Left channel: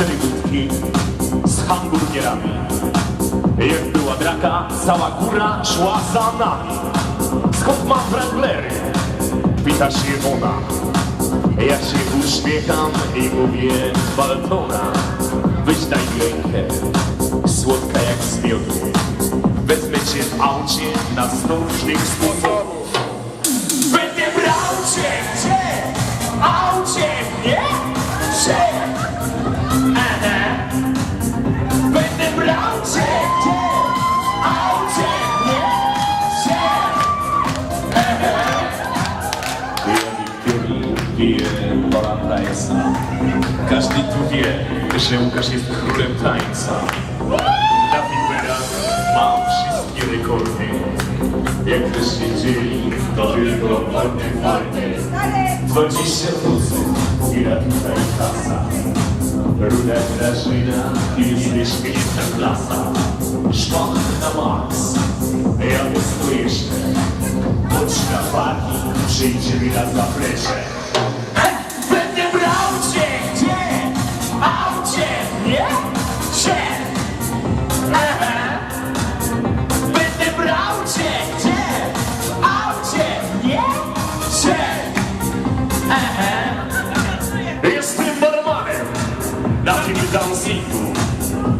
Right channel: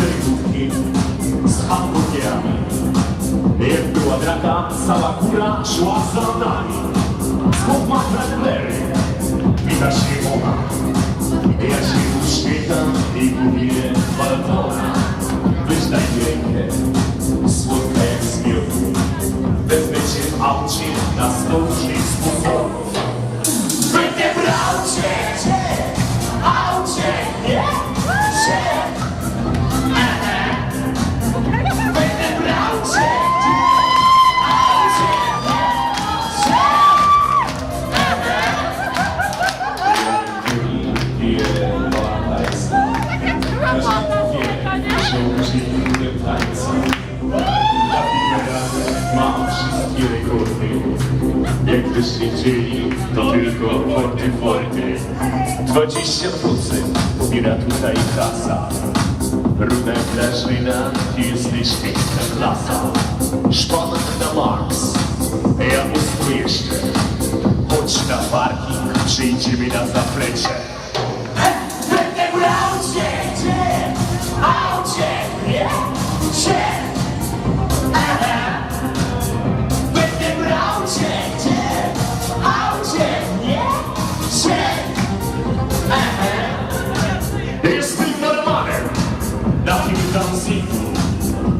4 wódki z hamburgerami. Jak była draka, cała góra szła za nami. Skąd ma Franklery? Pyta się ona. Ja się uśmiecham i mówię Bartona. Weź daj rękę, słodka jak z miodu. Wezmę cię w aucie na 100 różnych sposobów. Będę brał cię, aucie, nie? Będę brał cię, aucie, nie? Każdy tu wie, że Łukasz jest królem tańca. Na Piperach ma wszystkie rekordy. Jak byście chcieli, to tylko forty. 20 % pobiera tutaj kasa. Równa Katarzyna, ty jesteś miejscem lasa. Szpanek na maks, ja pusto jeszcze. Chodź na parking, przyjdzie mi na zaplecze. Będę brał cię, aucie, nie? Będę brał cię, aucie, nie? Jestem barmanem na tym dancingu.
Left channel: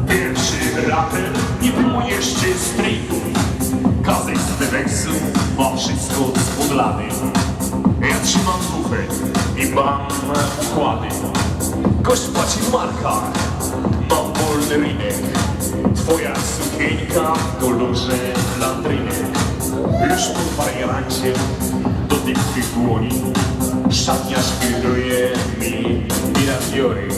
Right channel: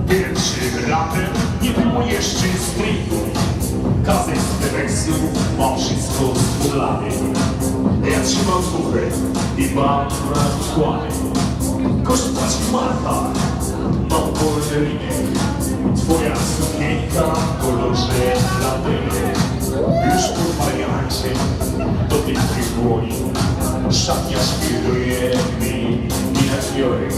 Pierwszy raper, nie było jeszcze streetu. Kazek z Bebeksu ma wszystko spudlane. Ja trzymam bufet i mam układy. Gość płaci w markach, mam wolny rynek. Twoja sukienka w kolorze lambyny. Już po wariancie dotyk tych dłoni. Szatnia świruje mi mirafiory.